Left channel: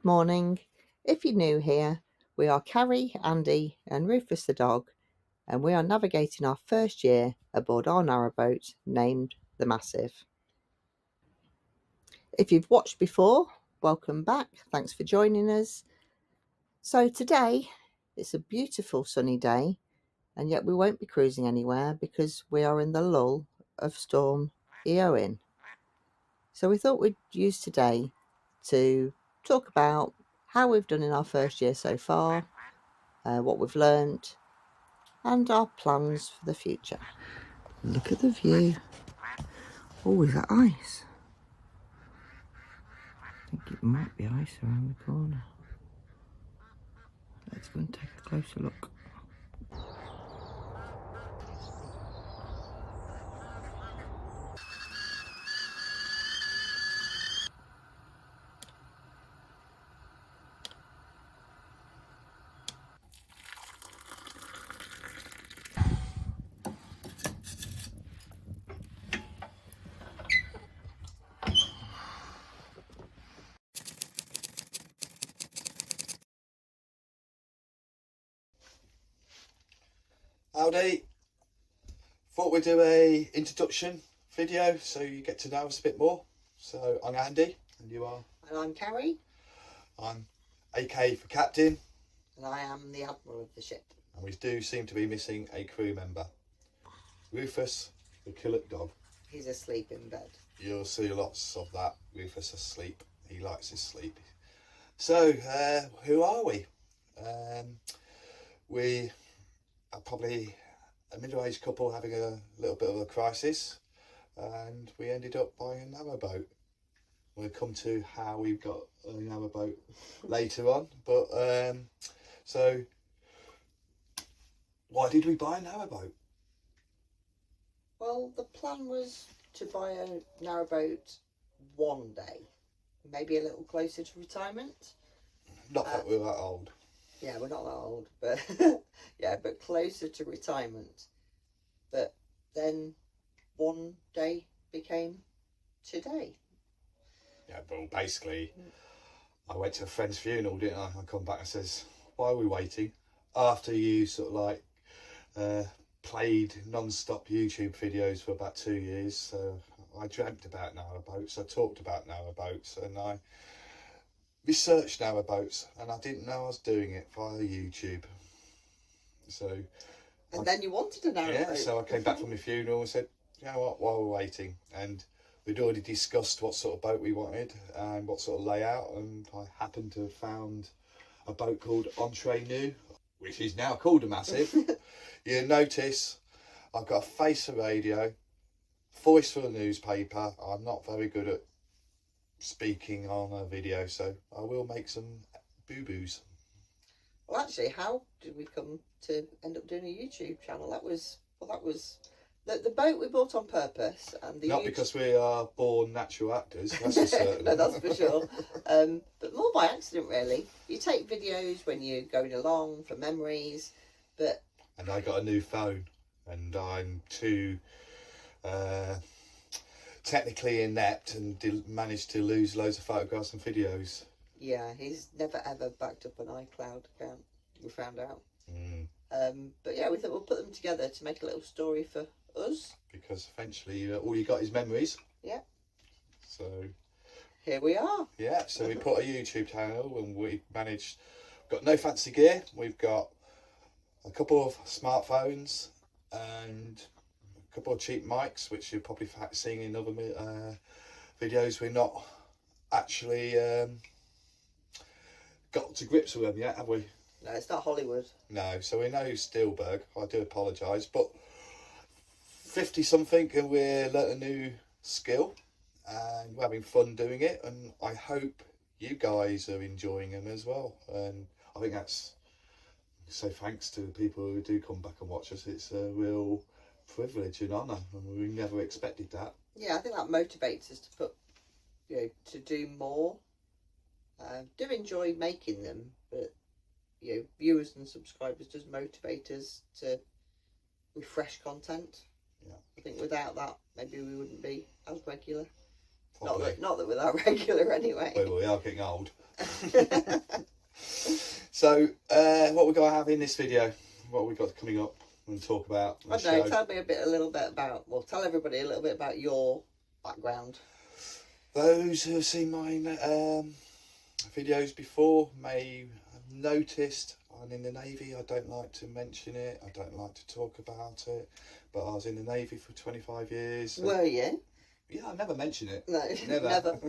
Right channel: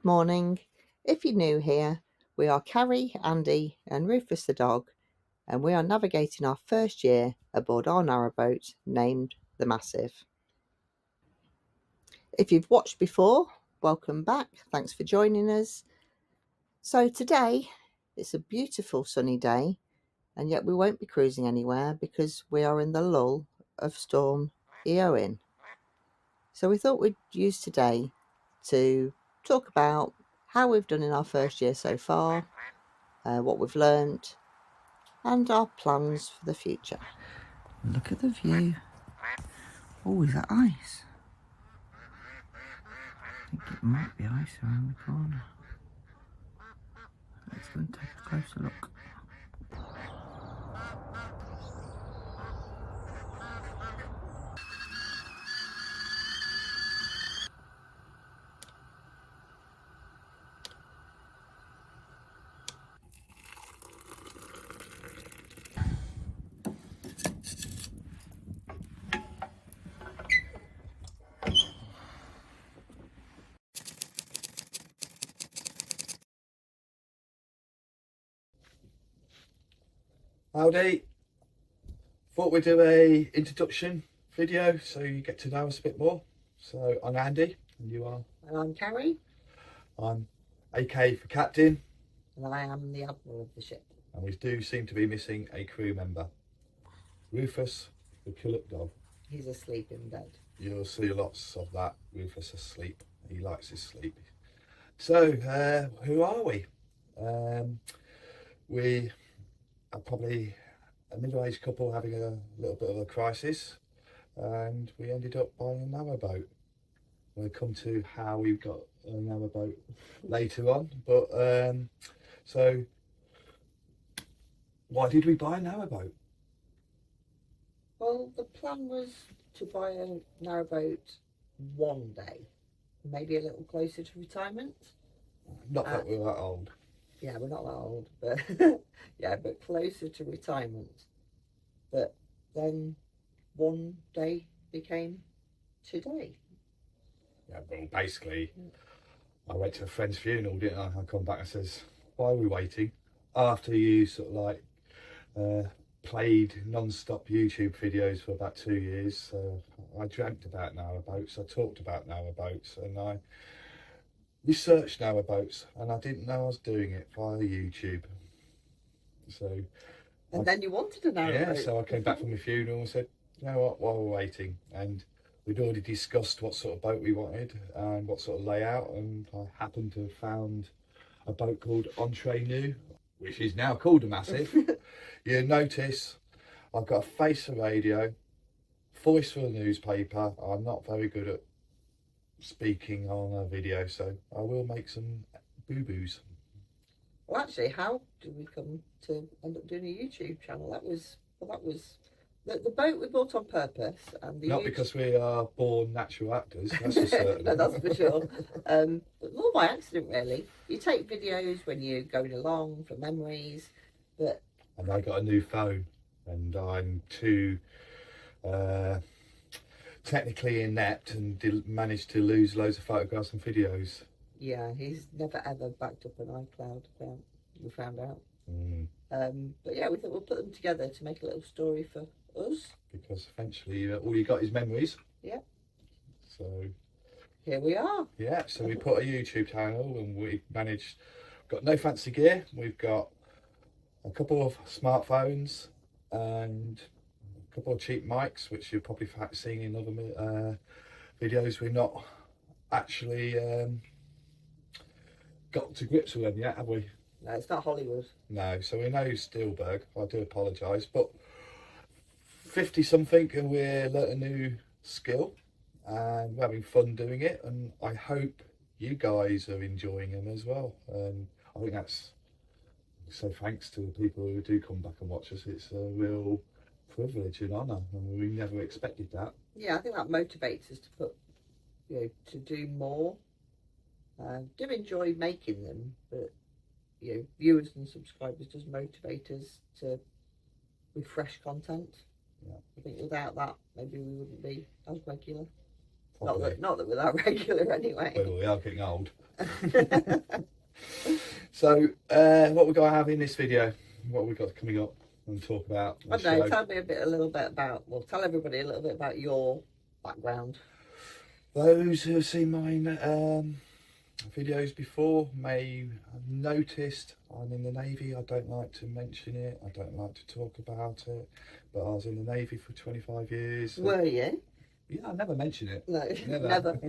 Good morning. If you're new here, we are Carrie, Andy and Rufus the dog, and we are navigating our first year aboard our narrowboat named the Massive. If you've watched before, welcome back. Thanks for joining us. So today, it's a beautiful sunny day, and yet we won't be cruising anywhere because we are in the lull of Storm Eowyn. So we thought we'd use today to talk about how we've done in our first year so far, what we've learned, and our plans for the future. Look at the view. Oh, is that ice? I think it might be ice around the corner. Let's go and take a closer look. Howdy. Thought we'd do a introduction video so you get to know us a bit more. So I'm Andy and you are? And I'm Carrie. I'm AK for captain. And I am the admiral of the ship. And we do seem to be missing a crew member. Rufus, the Killick dog. He's asleep in bed. You'll see lots of that. Rufus asleep. He likes his sleep. So who are we? We are probably a middle-aged couple having a little bit of a crisis, and we ended up buying a narrowboat. We'll come to how we've got a narrowboat later on, but so why did we buy a narrowboat? Well, the plan was to buy a narrowboat one day, maybe a little closer to retirement. Not that we're that old. Yeah, we're not that old, but yeah, but closer to retirement. But then one day became today. Yeah, well, basically, I went to a friend's funeral, didn't I? I come back and says, why are we waiting? After you sort of like played non-stop YouTube videos for about 2 years, so I dreamt about narrowboats, I talked about narrowboats, and I researched narrowboats, and I didn't know I was doing it via YouTube. So and then you wanted a narrowboat. Yeah, so I came back from my funeral and said, you know what, while we're waiting, and we'd already discussed what sort of boat we wanted and what sort of layout, and I happened to have found a boat called Entree New, which is now called a Massive. You'll notice I've got a face for radio, voice for a newspaper. I'm not very good at speaking on a video, so I will make some boo-boos. Well, actually, how did we come to end up doing a YouTube channel? That was the boat we bought on purpose, and not because we are born natural actors, that's for certain. No, that's for sure. But more by accident, really. You take videos when you're going along for memories, but and I got a new phone, and I'm too technically inept and managed to lose loads of photographs and videos. Yeah, he's never ever backed up an iCloud account, we found out. But yeah, we thought we'll put them together to make a little story for us. Because eventually all you got is memories. Yeah. So here we are. Yeah, so we put a YouTube channel, and we managed, got no fancy gear. We've got a couple of smartphones and a couple of cheap mics, which you're probably seeing in other videos. We're not actually got to grips with them yet, have we? No, it's not Hollywood. No, so we know Spielberg. I do apologise, but 50 something, and we're learning a new skill, and we're having fun doing it, and I hope you guys are enjoying them as well. And I think that's, so thanks to the people who do come back and watch us. It's a real privilege and honour, and we never expected that. Yeah, I think that motivates us to put, to do more. Do enjoy making them, but viewers and subscribers does motivate us to refresh content. Yeah, I think without that, maybe we wouldn't be as regular. Probably. Not that we're that regular anyway. Well, we are getting old. So, what we're going to have in this video, what we've got coming up and talk about. I don't know, tell me a little bit about, well, tell everybody a little bit about your background. Those who have seen my videos before may have noticed I'm in the Navy. I don't like to mention it, I don't like to talk about it, but I was in the Navy for 25 years. Were you? Yeah, I never mention it. No, never.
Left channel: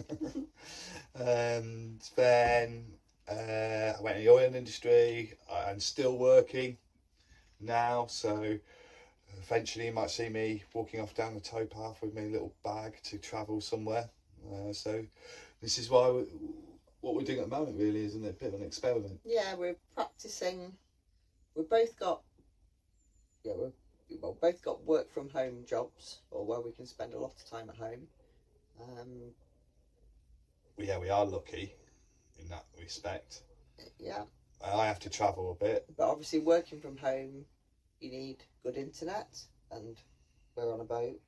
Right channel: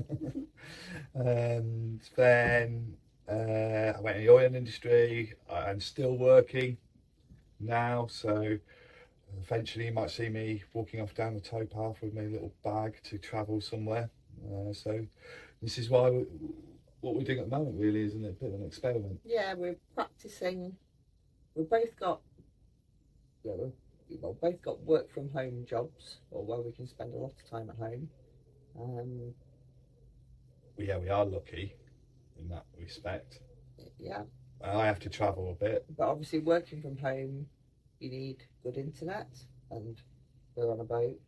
And then I went in the oil industry. I'm still working now, so eventually you might see me walking off down the towpath with my little bag to travel somewhere. So this is why what we're doing at the moment really isn't it a bit of an experiment? Yeah, we're practicing. We've both got both got work from home jobs, or where we can spend a lot of time at home. Yeah, we are lucky in that respect. Yeah. I have to travel a bit. But obviously working from home, you need good internet, and we're on a boat.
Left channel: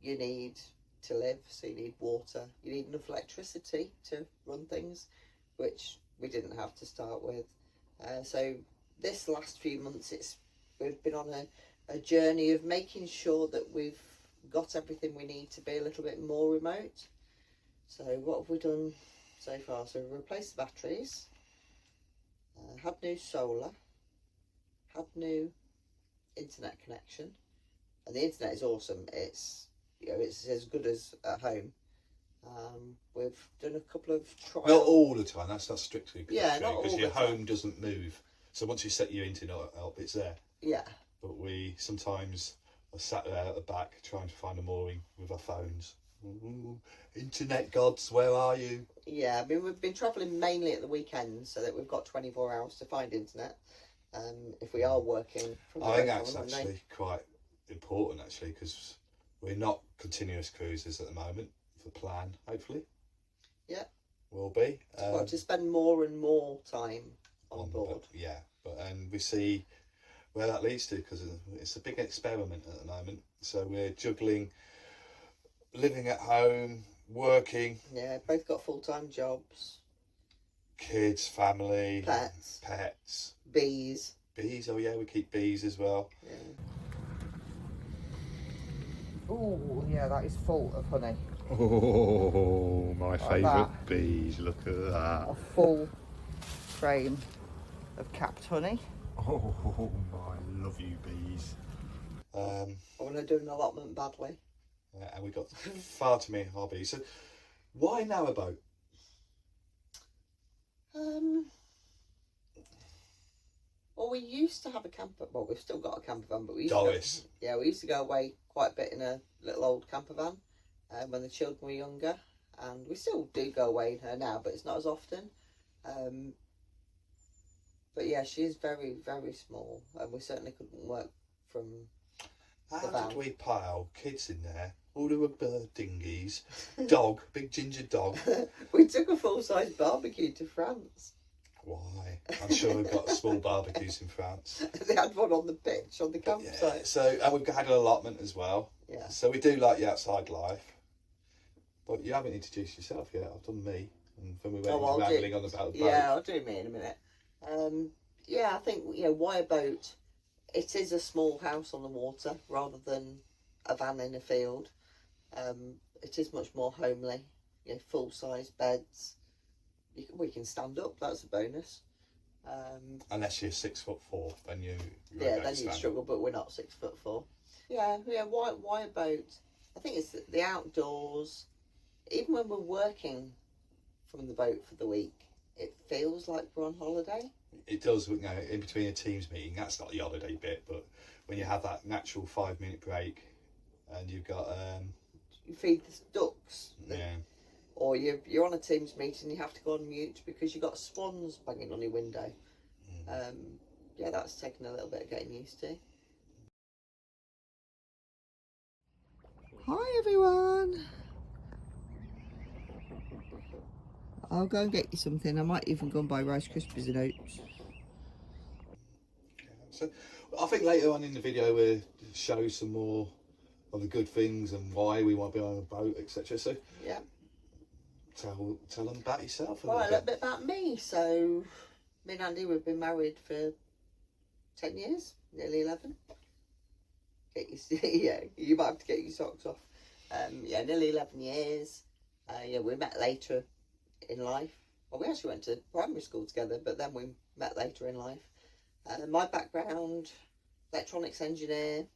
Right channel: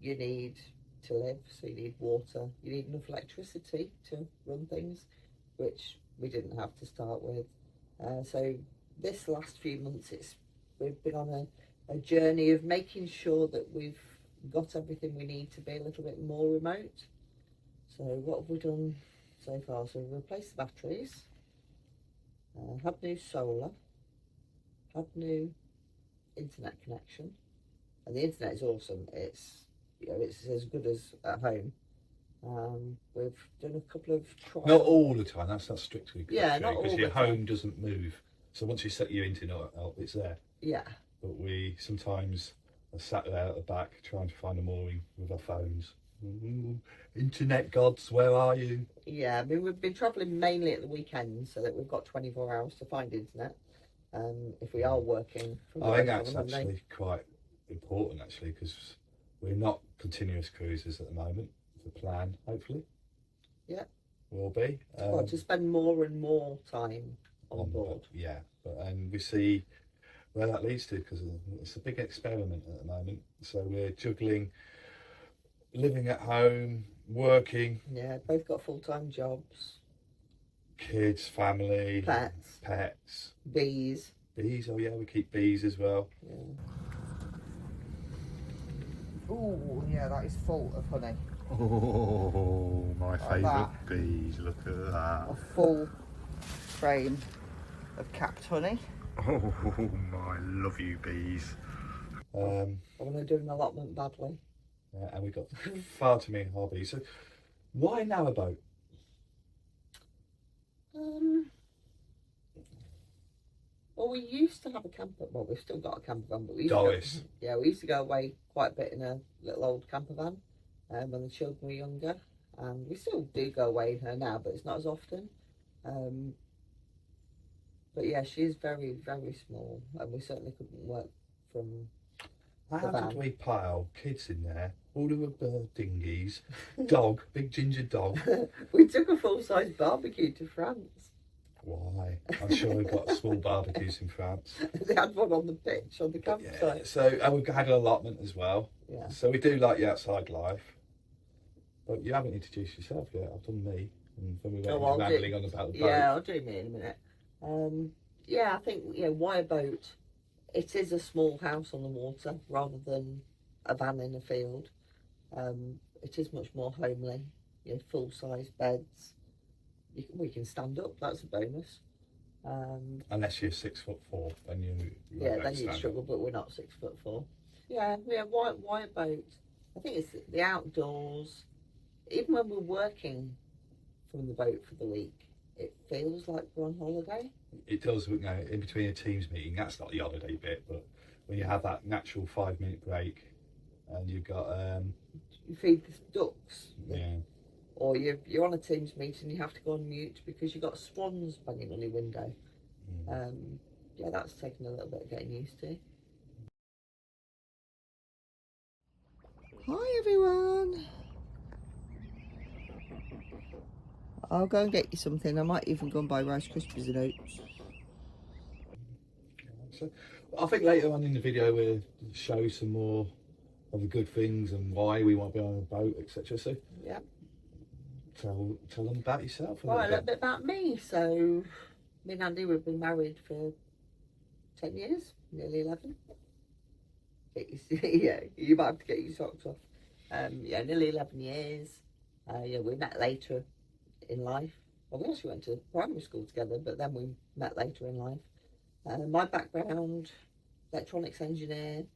You need to live, so you need water. You need enough electricity to run things, which we didn't have to start with. So this last few months, we've been on a journey of making sure that we've got everything we need to be a little bit more remote. So what have we done so far? So we've replaced the batteries, had new solar, had new internet connection, and the internet is awesome. It's it's as good as at home. We've done a couple of trials. Not all the time. That's not strictly correct. Yeah, not all because the your time. home doesn't move. So once you set your internet up, it's there. Yeah. But we sometimes are sat there at the back trying to find a mooring with our phones. Ooh, internet gods, where are you? Yeah, I mean, we've been travelling mainly at the weekends, so that we've got 24 hours to find internet. If we are working from I think home that's on a Monday. actually quite important, actually, because we're not continuous cruisers at the moment. The plan, hopefully. Yeah. Will be. To spend more and more time on board. Yeah, and we see where that leads to, because it's a big experiment at the moment. So we're juggling living at home, working. Yeah, both got full-time jobs. Kids, family, Pets, bees. Oh yeah, we keep bees as well. Yeah. Oh yeah, that is full of honey. Oh, my Like favourite that. bees, look at that. A full frame of capped honey. Oh, I love you bees. I want to do an allotment badly. And we've got far too many hobbies. So why Narrowboat? Well, we used to have a camper. Well, we've still got a camper van, but we used Doris. we used to go away quite a bit in a little old camper van when the children were younger, and we still do go away in her now, but it's not as often. But yeah, she is very, very small, and we certainly couldn't work from How the van. did we pile kids in there? All the bird dinghies, dog, big ginger dog. We took a full-size barbecue to France. Why? I'm sure we've got small barbecues in France. They had one on the pitch on the Yeah, campsite. so, and we've had an allotment as well. Yeah. So we do like the outside life. But you haven't introduced yourself yet. I've done me. And then we went I'll rambling on about the boat. Yeah, I'll do me in a minute. Yeah, I think, why a boat? It is a small house on the water rather than a van in a field. It is much more homely. Full-size beds. We can stand up. That's a bonus. Unless you're 6'4", then you then you'd struggle. But we're not 6'4". Yeah. Why a boat? I think it's the outdoors. Even when we're working from the boat for the week, it feels like we're on holiday. It does, in between a teams meeting. That's not the holiday bit, but when you have that natural 5-minute break, and you've got you feed the ducks. Yeah. Or you're on a Teams meeting and you have to go on mute because you've got swans banging on your window. Yeah, that's taken a little bit of getting used to. Hi everyone. I'll go and get you something. I might even go and buy Rice Krispies and oats. So I think later on in the video we'll show some more of the good things and why we want to be on a boat, etc. So yeah. Tell them about yourself. Right, a little bit about me. So, me and Andy, we've been married for 10 years, nearly 11. Yeah, you might have to get your socks off. Yeah, nearly 11 years. Yeah, we met later in life. Well, we actually went to primary school together, but then we met later in life. My background, electronics engineer.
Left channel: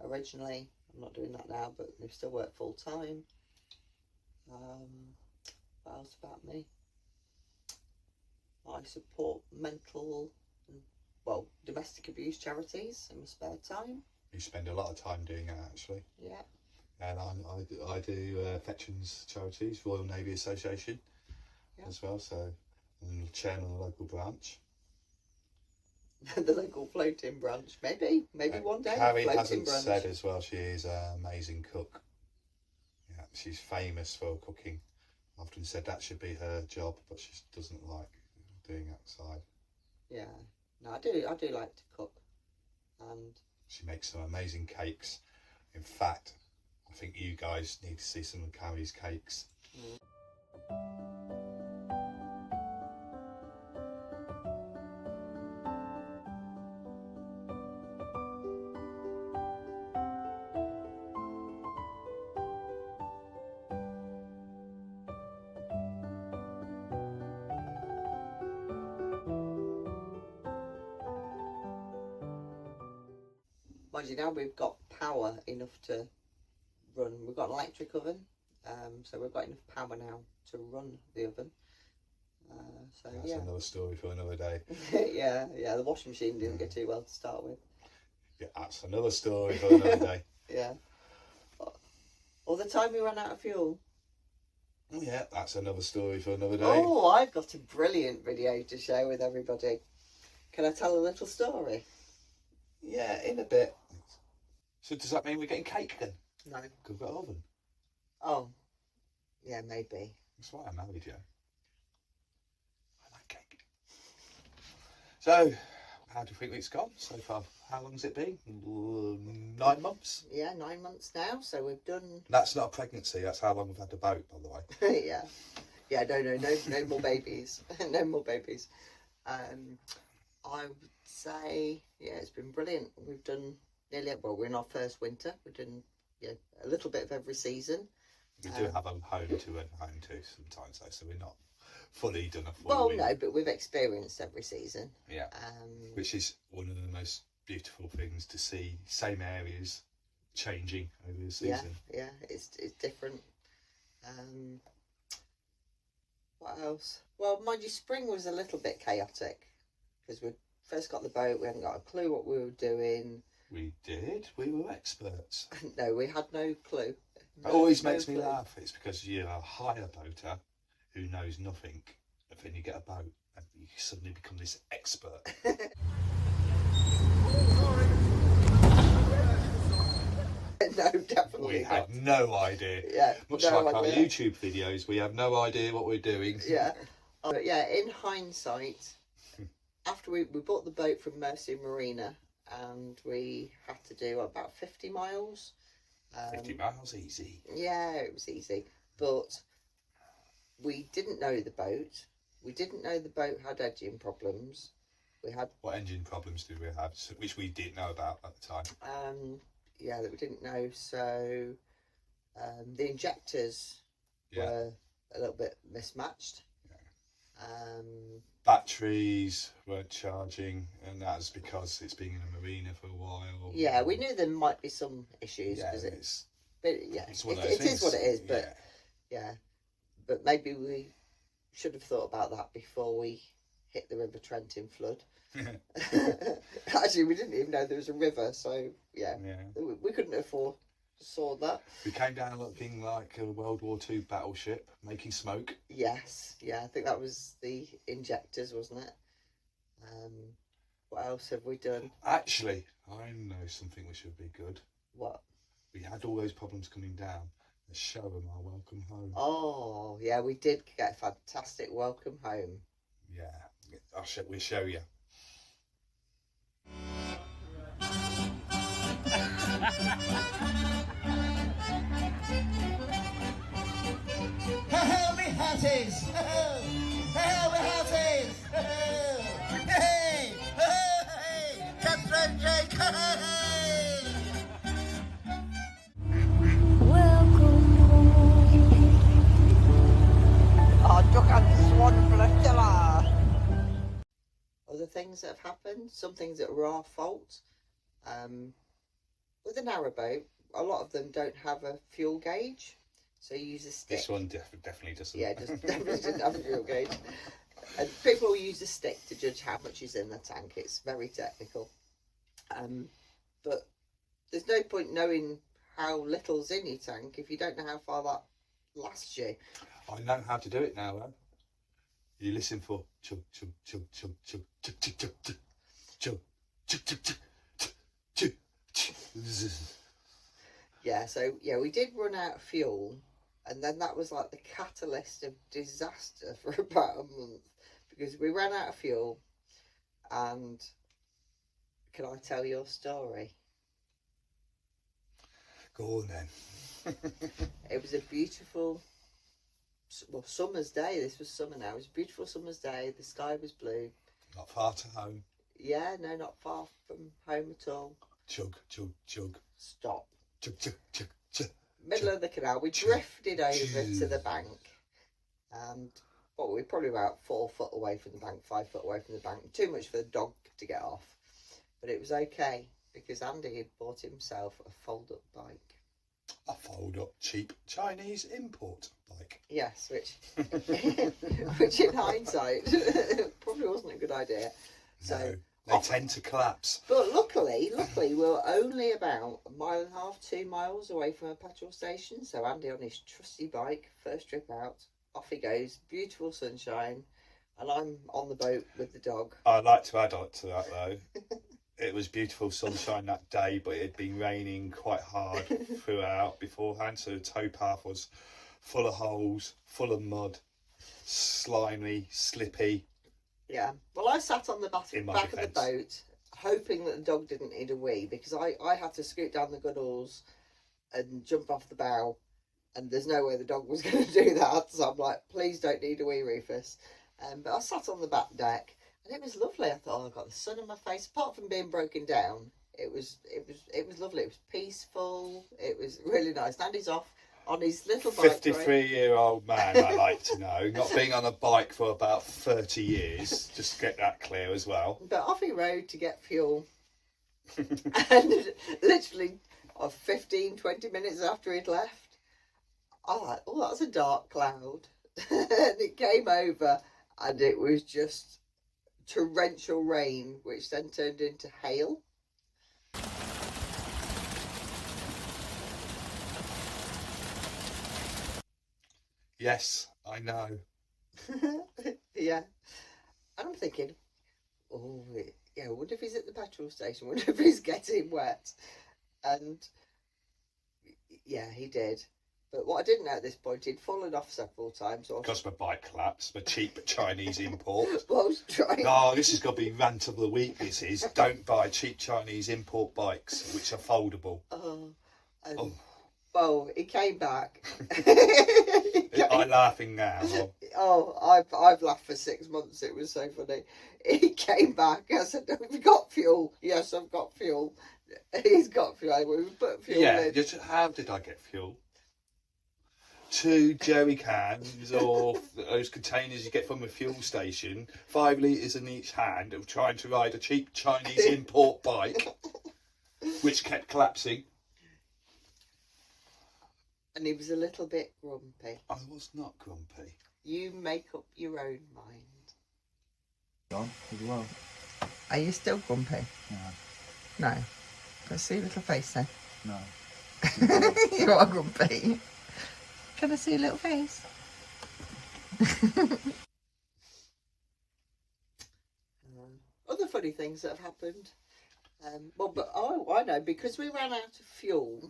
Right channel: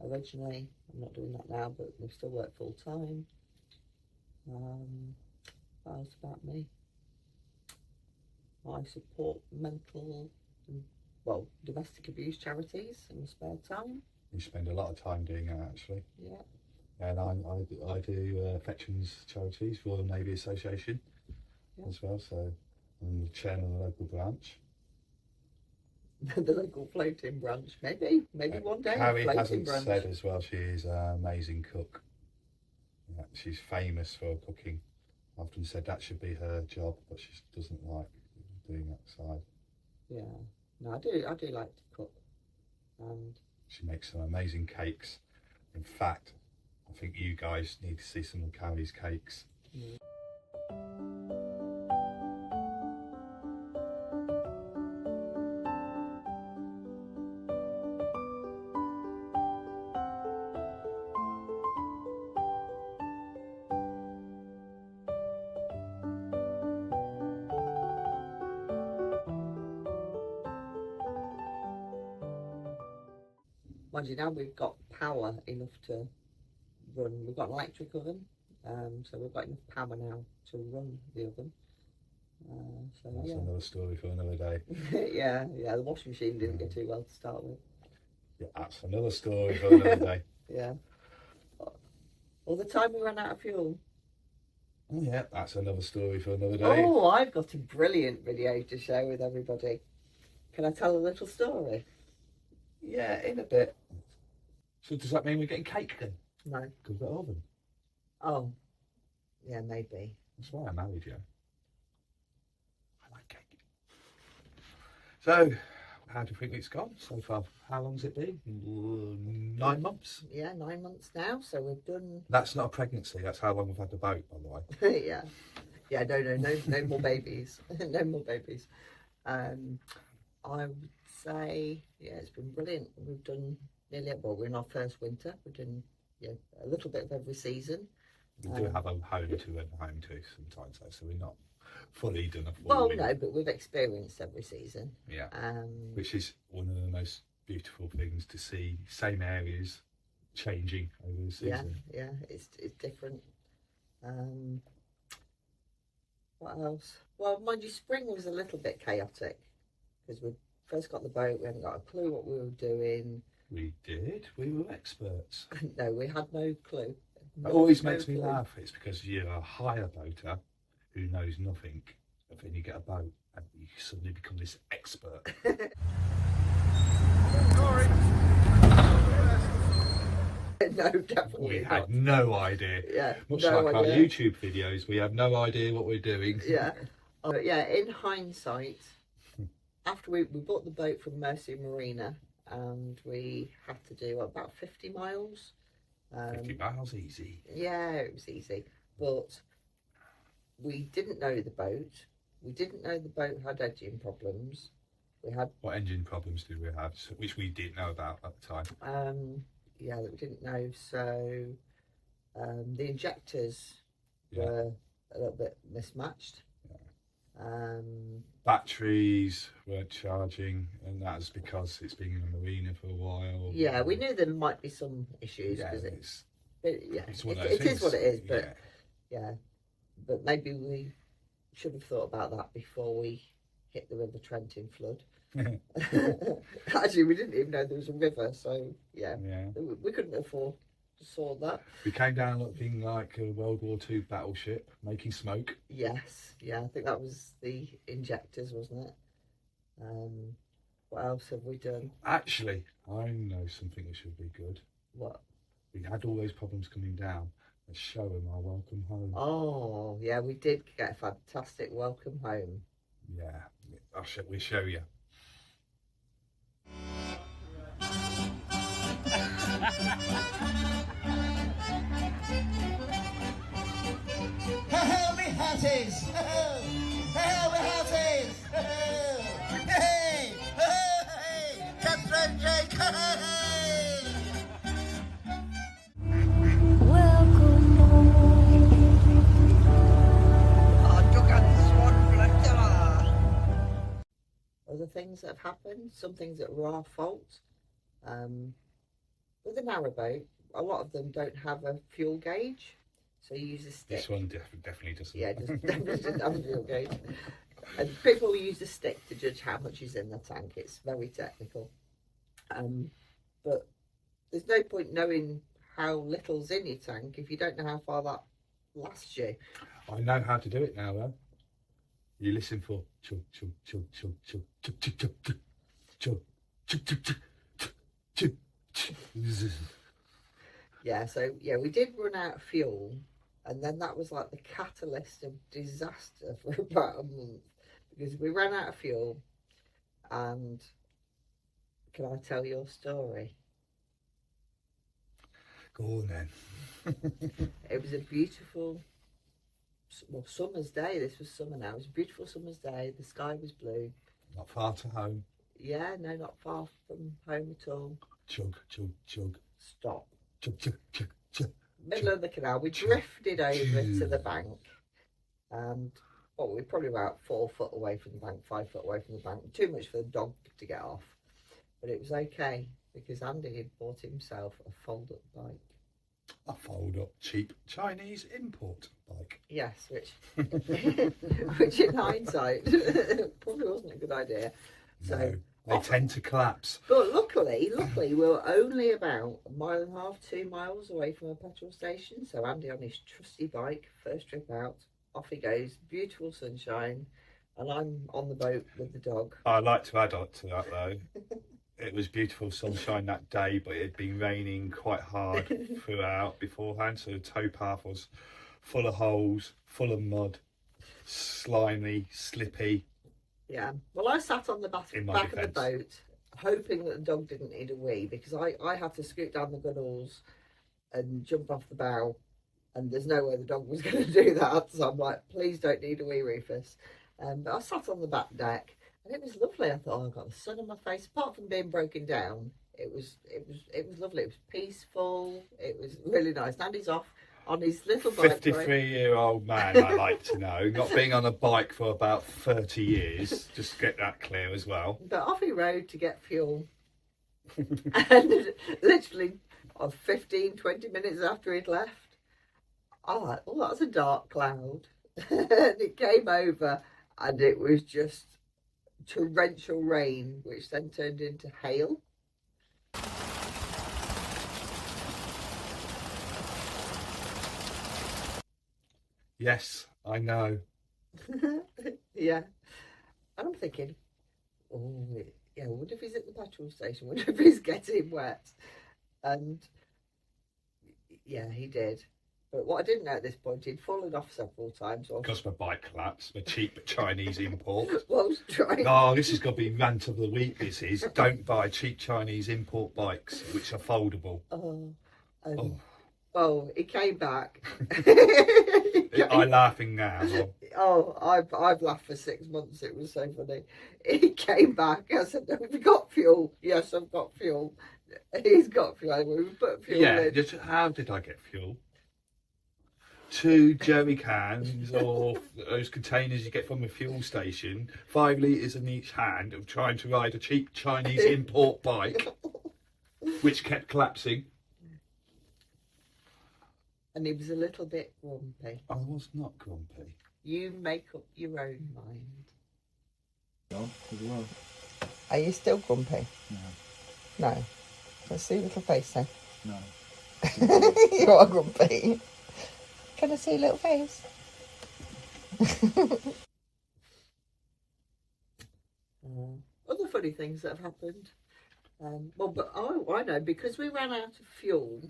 Originally, I'm not doing that now, but I still work full time. What else about me? I support mental and, well, domestic abuse charities in my spare time. You spend a lot of time doing it, actually. Yeah. And I do veterans charities, Royal Navy Association, yeah. as well. So I'm the chairman of the local branch. The local floating branch, maybe one day. Harry hasn't branch. said as well. She is an amazing cook. Yeah, she's famous for cooking. I've often said that should be her job, but she doesn't like doing outside. Yeah, no, I do like to cook, and she makes some amazing cakes. In fact, I think you guys need to see some of Carrie's cakes. Mm. Mind you, now we've got power enough to run. We've got an electric oven, so we've got enough power now to run the oven. So that's yeah, another story for another day. yeah, the washing machine didn't get too well to start with. Yeah, that's another story for another day. Yeah. All the time we ran out of fuel. Oh yeah, that's another story for another day. Oh, I've got a brilliant video to share with everybody. Can I tell a little story? Yeah, in a bit. So does that mean we're getting cake then? No. Because we've got an oven. Oh, yeah, maybe. That's why I married you. I like cake. So, how do you think it's gone so far? How long's it been? 9 months? Yeah, 9 months now. So we've done... That's not a pregnancy. That's how long we've had the boat, by the way. Yeah. Yeah, no more babies. No more babies. I would say, yeah, it's been brilliant. We've done nearly, well, we're in our first winter. We've done, yeah, a little bit of every season. We do have a home to and home to sometimes, though, so we're not fully done a full Well, winter. no, but we've experienced every season. Yeah. Which is one of the most beautiful things to see. Same areas changing over the season. Yeah, it's different. What else? Well, mind you, spring was a little bit chaotic because we first got the boat. We hadn't got a clue what we were doing. We did. We were experts. No, we had no clue. It always makes me laugh. It's because you're a hire boater who knows nothing, and then you get a boat and you suddenly become this expert. No, definitely We had no idea. Yeah, much no like our idea. YouTube videos, we have no idea what we're doing. Yeah, but yeah. In hindsight, after we bought the boat from Mercy Marina, and we had to do about 50 miles. 50 miles easy. Yeah, it was easy, but we didn't know the boat. We didn't know the boat had engine problems. We had... What engine problems did we have, which we didn't know about at the time? Yeah, that we didn't know. So the injectors were a little bit mismatched. Yeah. Batteries weren't charging, and that's because it's been in a marina for a while. Yeah, we knew there might be some issues because it is what it is. But yeah, but maybe we should have thought about that before we hit the River Trent in flood. Actually, we didn't even know there was a river, so yeah. We couldn't have foresaw that. We came down looking like a World War II battleship, making smoke. Yes, yeah, I think that was the injectors, wasn't it? What else have we done? Actually, I know something which would be good. What? We had all those problems coming down. Let's show them our welcome home. Oh, yeah, we did get a fantastic welcome home. Yeah, we'll show you. Ho-ho, me hearties! Ho-ho! Ho-ho, me hearties! Ho-ho! Hey! Hey! Cutthroat Jake! Hey! Welcome home. Other things that have happened, some things that were our fault. With a narrowboat, a lot of them don't have a fuel gauge, so you use a stick. This one definitely doesn't. Yeah, definitely doesn't have a fuel gauge. And people will use a stick to judge how much is in the tank. It's very technical. But there's no point knowing how little's in your tank if you don't know how far that lasts you. I know how to do it now, though. You listen for chug chug chug chug chug chug chug chug chug chug chug chug chug. Yeah, so yeah, we did run out of fuel, and then that was like the catalyst of disaster for about a month, because we ran out of fuel. And can I tell your story? Go on then. It was a beautiful, well, summer's day. This was summer now. It was a beautiful summer's day. The sky was blue. Not far to home. Yeah, no, not far from home at all. Chug chug chug. Stop. Chug chug chug chug. Middle of the canal. We drifted over to the bank, and well, we're probably about 4 foot away from the bank, 5 foot away from the bank. Too much for the dog to get off, but it was okay because Andy had bought himself a fold-up bike. A fold-up cheap Chinese import bike. Yes, which in hindsight probably wasn't a good idea. So no, they tend to collapse. But luckily we were only about 1.5 miles, 2 miles away from a petrol station. So Andy on his trusty bike, first trip out, off he goes, beautiful sunshine, and I'm on the boat with the dog. I'd like to add on to that though. It was beautiful sunshine that day, but it had been raining quite hard throughout beforehand, so the towpath was full of holes, full of mud, slimy, slippy. Yeah, well, I sat on the back of the boat, hoping that the dog didn't need a wee, because I had to scoot down the gunnels and jump off the bow, and there's no way the dog was going to do that. So I'm like, please don't need a wee, Rufus. But I sat on the back deck, and it was lovely. I thought, oh, I got the sun on my face. Apart from being broken down, it was lovely. It was peaceful. It was really nice. Andy's off on his little bike. 53-year-old man, I like to know, not being on a bike for about 30 years. Just to get that clear as well. But off he rode to get fuel, and literally 15, 20 minutes after he'd left, I was like, oh, that's a dark cloud. And it came over, and it was just torrential rain, which then turned into hail. Yes, I know. Yeah. And I'm thinking, oh, yeah, I wonder if he's at the petrol station. I wonder if he's getting wet. And yeah, he did. But what I didn't know at this point, he'd fallen off several times. Because my bike collapsed, my cheap Chinese import. Well, I was trying. Oh, this has got to be rant of the week, this is. Don't buy cheap Chinese import bikes, which are foldable. Well, he came back. I'm laughing now. Oh, I've laughed for 6 months. It was so funny. He came back. I said, have you got fuel? Yes, I've got fuel. He's got fuel. We put fuel in. How did I get fuel? 2 jerry cans or those containers you get from a fuel station, 5 litres in each hand, of trying to ride a cheap Chinese import bike, which kept collapsing. And he was a little bit grumpy. I was not grumpy. You make up your own mind. John, as well. Are you still grumpy? No. No. Let's see your little face then. No. You are grumpy. Can I see your little face? Other funny things that have happened. Well, but I know, because we ran out of fuel,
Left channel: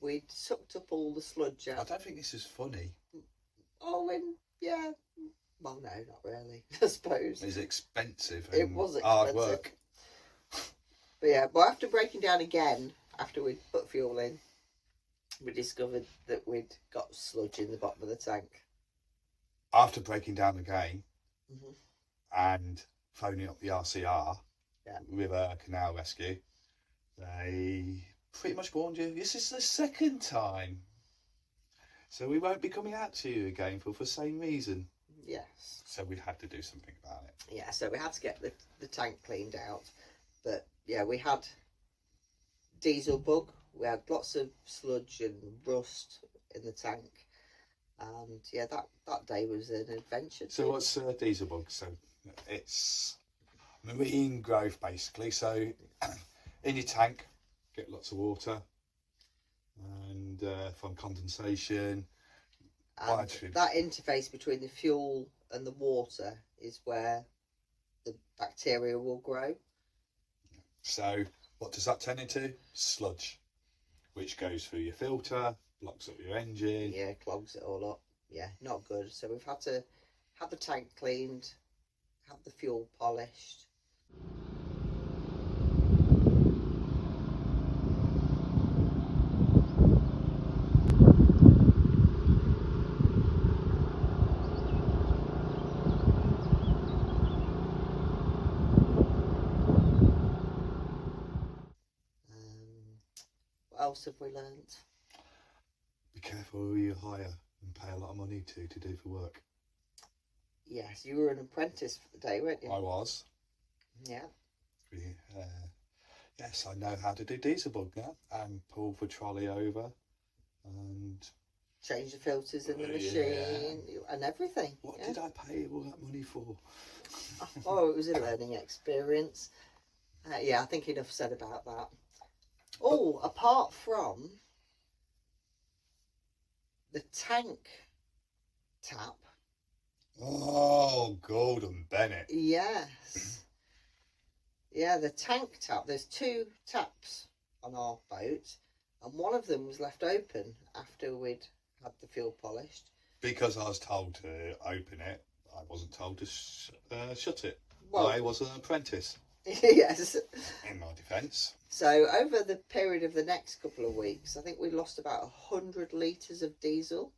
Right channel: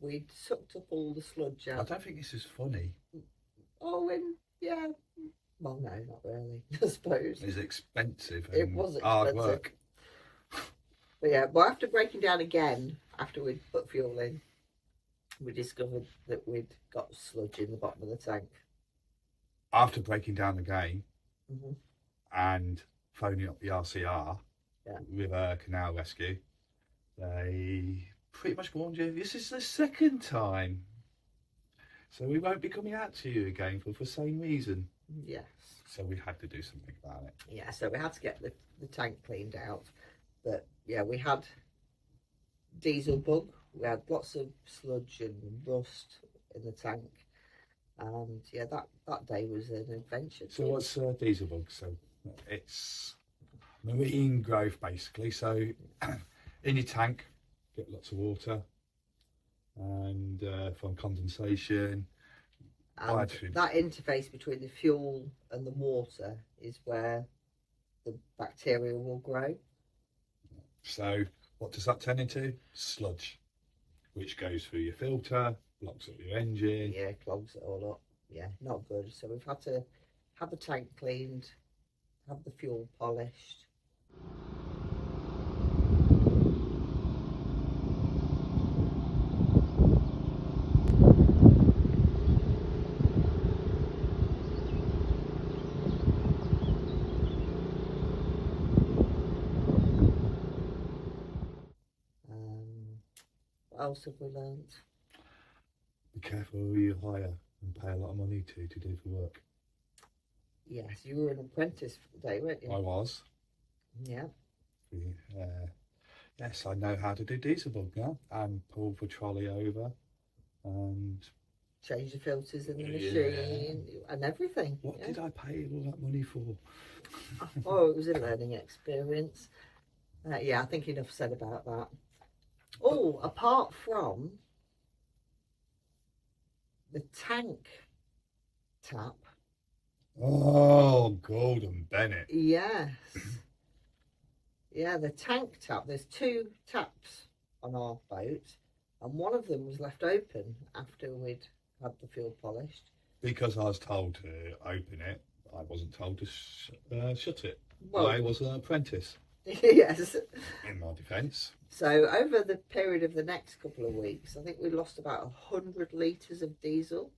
we'd sucked up all the sludge out. I don't think this is funny. Oh, yeah. Well, no, not really, I suppose. It's expensive. It was expensive. Hard work. But yeah, but after breaking down again after we'd put fuel in, we discovered that we'd got sludge in the bottom of the tank. After breaking down again Mhm. and phoning up the RCR Yeah. with a canal rescue, they pretty much warned you, this is the second time. So we won't be coming out to you again for the same reason. Yes. So we had to do something about it. Yeah, so we had to get the tank cleaned out. But yeah, we had diesel bug. We had lots of sludge and rust in the tank. And yeah, that day was an adventure. So what's diesel bug? So it's marine growth basically. So in your tank, get lots of water and from condensation. And that interface between the fuel and the water is where the bacteria will grow. So what does that turn into? Sludge, which goes through your filter, blocks up your engine. Yeah, clogs it all up. Yeah, not good. So we've had to have the tank cleaned, have the fuel polished. What else have we learnt? Be careful who you hire and pay a lot of money to do the work. Yes, you were an apprentice for the day, weren't you? I was. Yeah. Yes, I know how to do diesel bug now and pull the trolley over and Change the filters in the machine and everything. what did I pay all that money for? Oh, it was a learning experience. Yeah, I think enough said about that. Oh, apart from the tank tap. Oh, Gordon Bennett. Yes. Yeah, the tank tap. There's 2 taps on our boat, and one of them was left open after we'd had the fuel polished. Because I was told to open it, I wasn't told to shut it. Well, I was an apprentice, yes. in my defence. So over the period of the next couple of weeks, I think we lost about 100 litres of diesel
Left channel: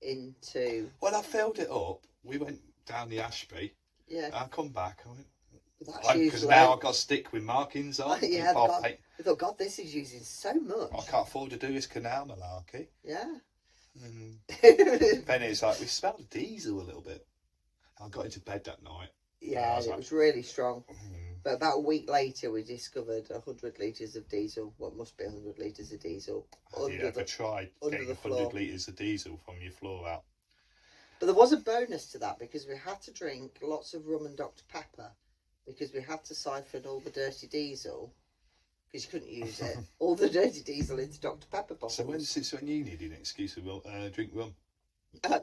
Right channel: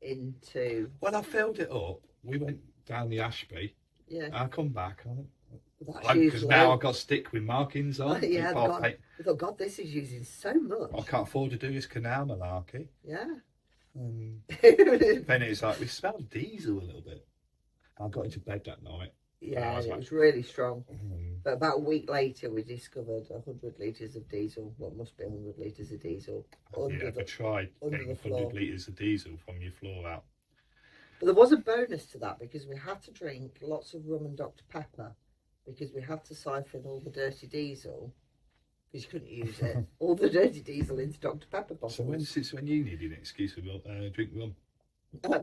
into... When I filled it up, we went down the Ashby. Yeah. I come back, I went, That's because huge now load. I've got stick with markings on. Yeah, God, I thought, God, this is using so much. I can't afford to do this canal malarkey. Yeah. And then it's like, we smelled diesel a little bit. I got into bed that night. Yeah, was it like, was really strong. But about a week later, we discovered 100 litres of diesel. What must be 100 litres of diesel Have you ever tried getting the 100 floor. litres of diesel from your floor out? But there was a bonus to that because we had to drink lots of rum and Dr Pepper because we had to siphon all the dirty diesel because you couldn't use it. All the dirty diesel into Dr Pepper bottles. So when you needed an excuse to drink rum?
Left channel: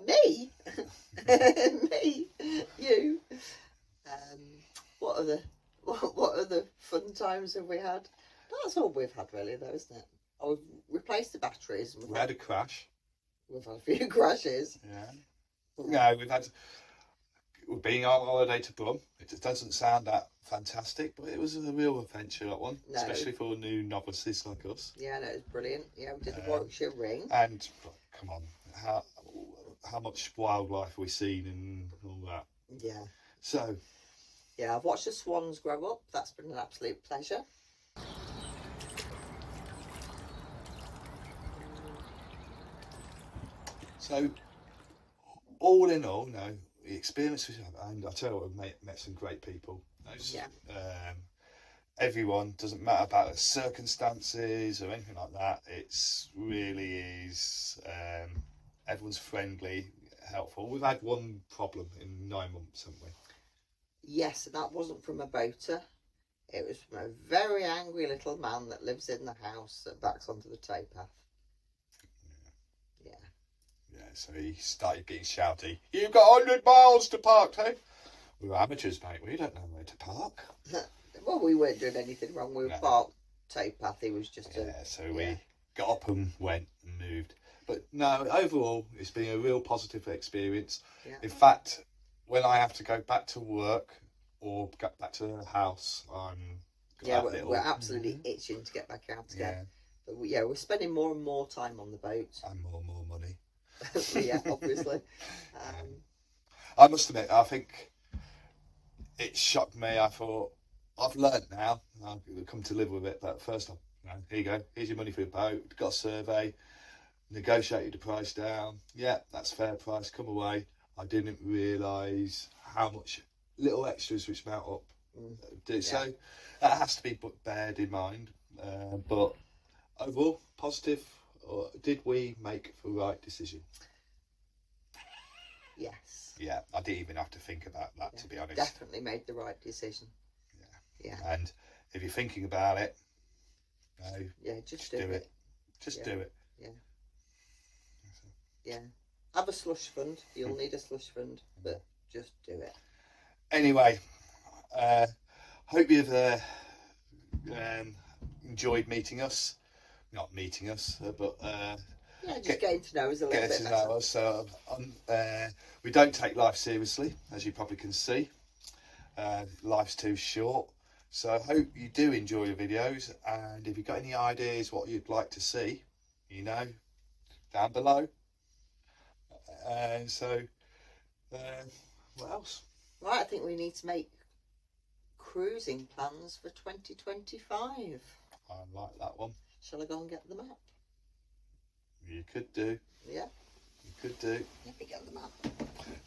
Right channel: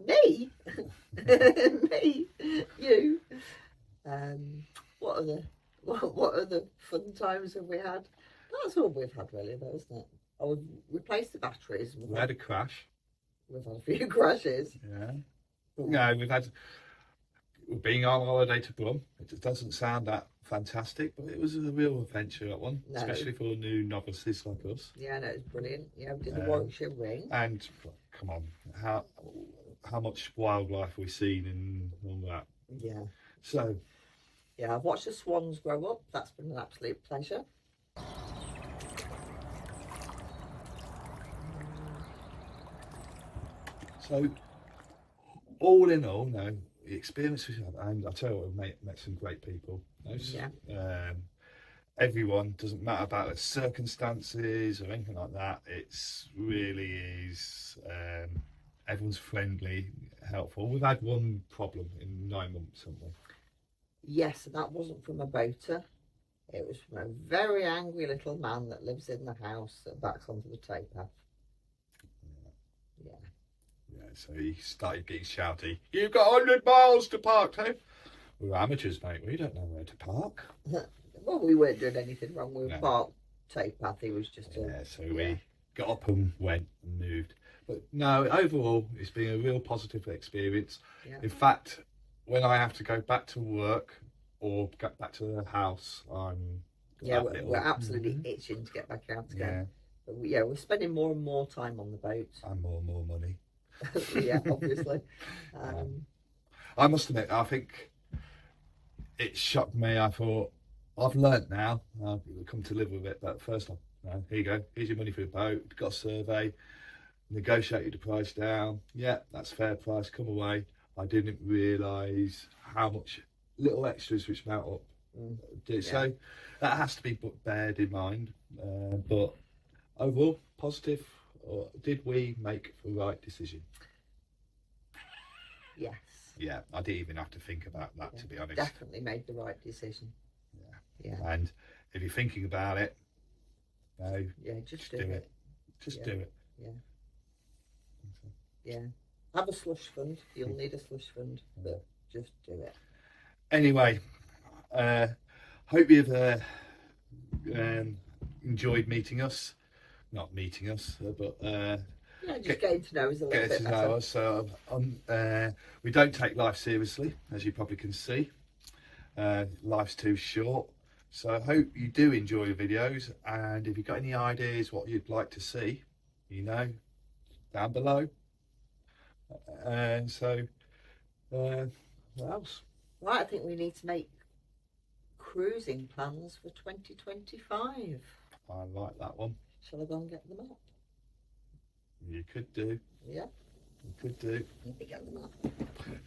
Me? Me? You? What other fun times have we had? That's all we've had really though, isn't it? Oh, we've replaced the batteries. And We had a crash. we've had a few crashes. Yeah. No, we're being on holiday to Brum. It doesn't sound that fantastic, but it was a real adventure, that one, No. especially for new novices like us. Yeah, no, it was brilliant. Yeah, we did the Warwickshire Ring. And come on, how much wildlife have we seen and all that? Yeah. So Yeah, I've watched the swans grow up. That's been an absolute pleasure. So, all in all, no, the experience we've had, and I tell you what, we've met some great people. Yeah. Everyone, doesn't matter about the circumstances or anything like that. It's really is. Everyone's friendly, helpful. We've had one problem in 9 months, haven't we? Yes, and that wasn't from a boater. It was from a very angry little man that lives in the house that backs onto the towpath. Yeah. Yeah, so he started getting shouty. You've got 100 miles to park, hey? We're amateurs, mate. We don't know where to park. Well, we weren't doing anything wrong. We were No. parked towpath. He was just Yeah, so we got up and went and moved. But no, overall, it's been a real positive experience. Yeah. In fact, when I have to go back to work or get back to the house, I'm Yeah, that we're absolutely itching to get back out yeah, again. But yeah, we're spending more and more time on the boat. and more money. Yeah, obviously. I must admit, I think it shocked me. I thought, I've learnt now. I've come to live with it. But first, here you go. Here's your money for your boat. Got a survey. Negotiated the price down. Yeah, that's a fair price. Come away. I didn't realise how much little extras which mount up. So that has to be bared in mind. But overall, positive. Or did we make the right decision? Yes. Yeah, I didn't even have to think about that, to be honest. Definitely made the right decision. Yeah. And if you're thinking about it, just do it. Just do it. Yeah. Have a slush fund. You'll need a slush fund, but just do it. Anyway, hope you've enjoyed meeting us. Not meeting us, but just getting to know us a little bit better. Know us. So, we don't take life seriously, as you probably can see. Life's too short. So I hope you do enjoy your videos, and if you've got any ideas what you'd like to see, down below. What else? Right, I think we need to make cruising plans for 2025. I like that one. Shall I go and get the map? You could do. Yeah. You could do. Let me get the map.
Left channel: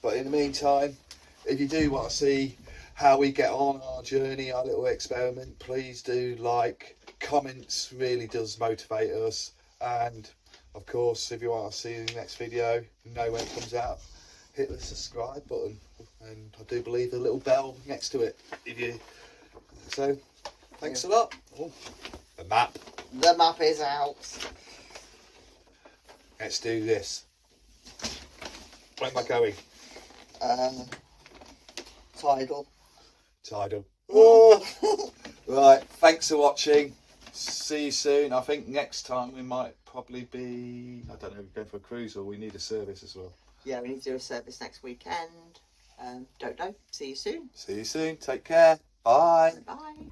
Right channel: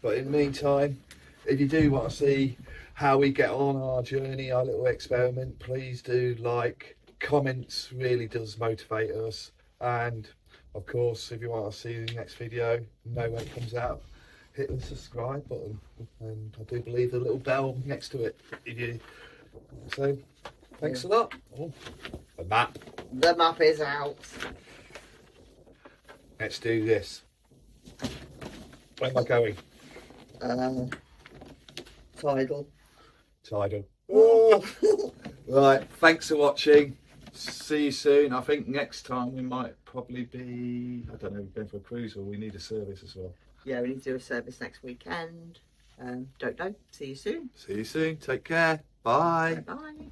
But in the meantime, if you do want to see how we get on our journey, our little experiment, please do like. Comments really does motivate us. And of course, if you want to see the next video, know when it comes out, hit the subscribe button. And I do believe the little bell next to it. So, thanks a lot. Oh, the map. The map is out. Let's do this. Where am I going? Tidal. Tidal. Oh. Right, thanks for watching. See you soon. I think next time we might probably be, I don't know, going for a cruise, or we need a service as well. Yeah, we need to do a service next weekend. Don't know. See you soon. See you soon. Take care. Bye. Bye.